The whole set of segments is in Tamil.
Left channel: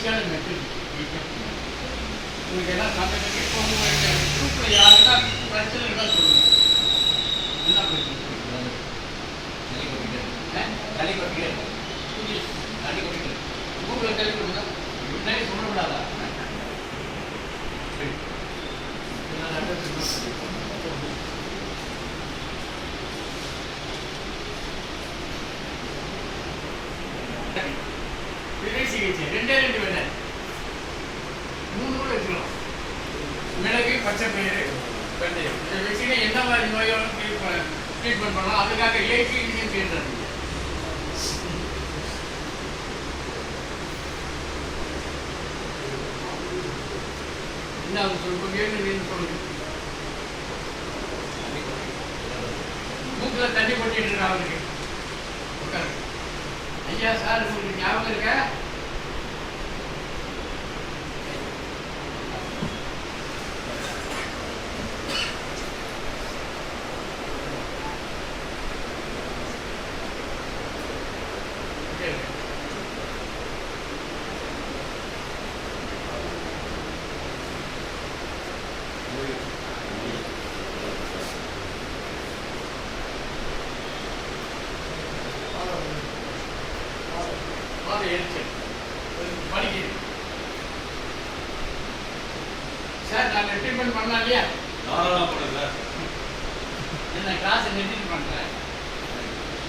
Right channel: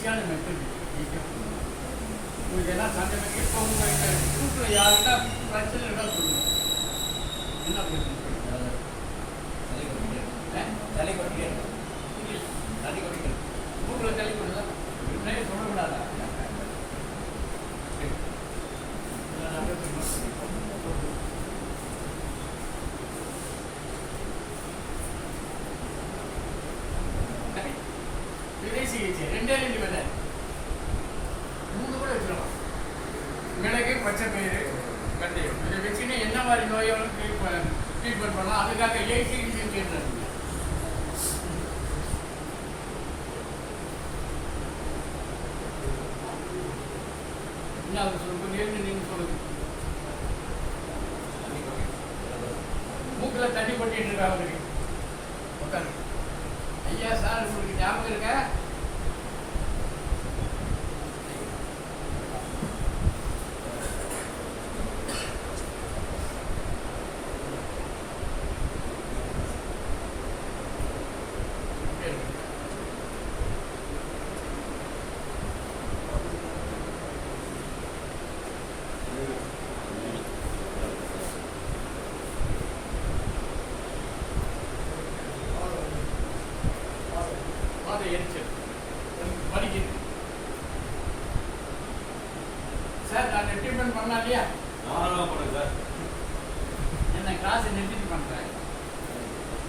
ஈஸியான மெத்தட் உங்களுக்கு எல்லாம் சண்டை கட்டி இப்போ குரூப்பில் யாருக்கா பிரச்சனை இருந்தால் சொல்லுங்கள் என்ன பிரச்சனை? தலை இருக்கும் தலை கூகுளில் முன்னாடி சொல்லக்கூடாதா சிகிச்சை ரெண்டே ரெண்டு பச்சை பயிறு வெந்தயம் இதை என்ன மாதிரி நோயாலும் ட்ரீட்மெண்ட் பண்ணலாம் அதுக்காக ஏசி இன்ஜின் என்ன அது சொல்லுங்க சொல்லுங்க மூக்கில் தண்ணி போட்டு இருக்கா அவருக்கு உட்காரு ஐயா சார் உங்களுக்கு ஞாபகம் இருக்கா கொஞ்சம் வலிக்குது சார் நான் ட்ரீட்மெண்ட் பண்ணலாம் இல்லையா? நாலாம் போடுங்க சார். என்ன கிளாஸ் நிறுத்திட்டு பண்ணுறேன்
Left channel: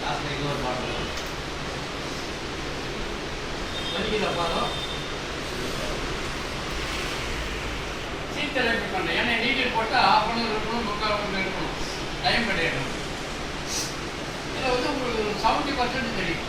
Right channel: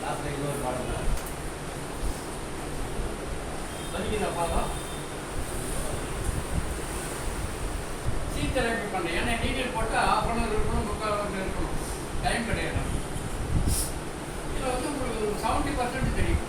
டைம் ஒரு பாட்டு வலிக்குதா பாதம் சீட் தெரப்பி பண்ணுறேன் ஏன்னா நீட்டில் போட்டால் ஆஃப் ஹவர் இருக்கணும் முக்கால் ஹவர் இருக்கணும். டைம் கிடையாது. இதில் வந்து உங்களுக்கு செவன்ட்டி பர்சன்ட் தெரியும்.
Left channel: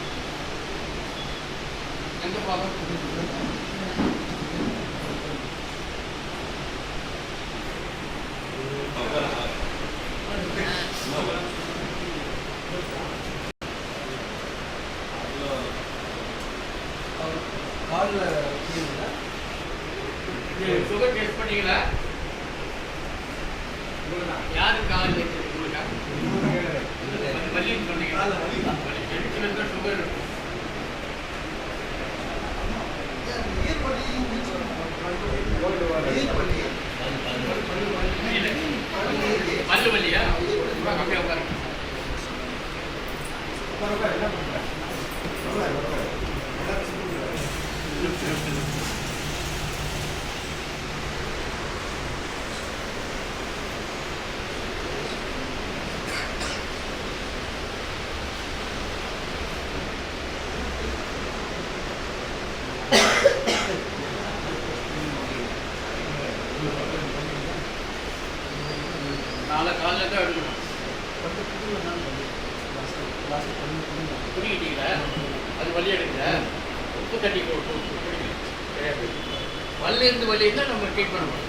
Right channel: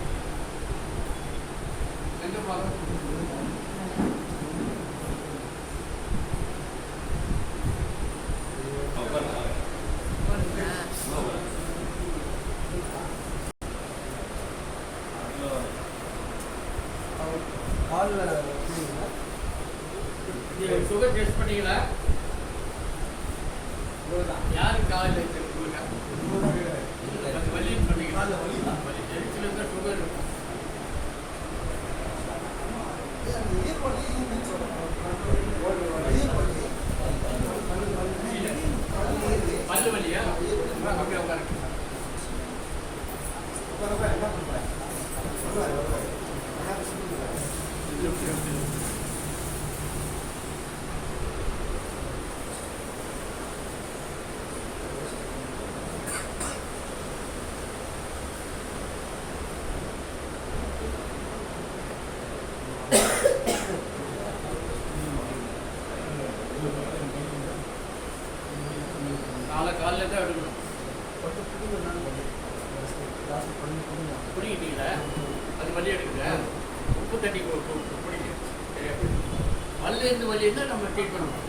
சுகர் டெஸ்ட் பண்ணீங்களா யாருக்கு கால் வச்சிருக்கீங்க வலின்னு சொன்னீங்க நாளை காலையில் தான் எடுக்கணும். குடிக்கிட்டீங்களா அது வலி எடுக்கல. உப்பு தட்டி போட்டு கு- கு- சரியா போயிடும். வலி வலி இருந்தால் நம்ம ட்ரீட் பண்ணணும்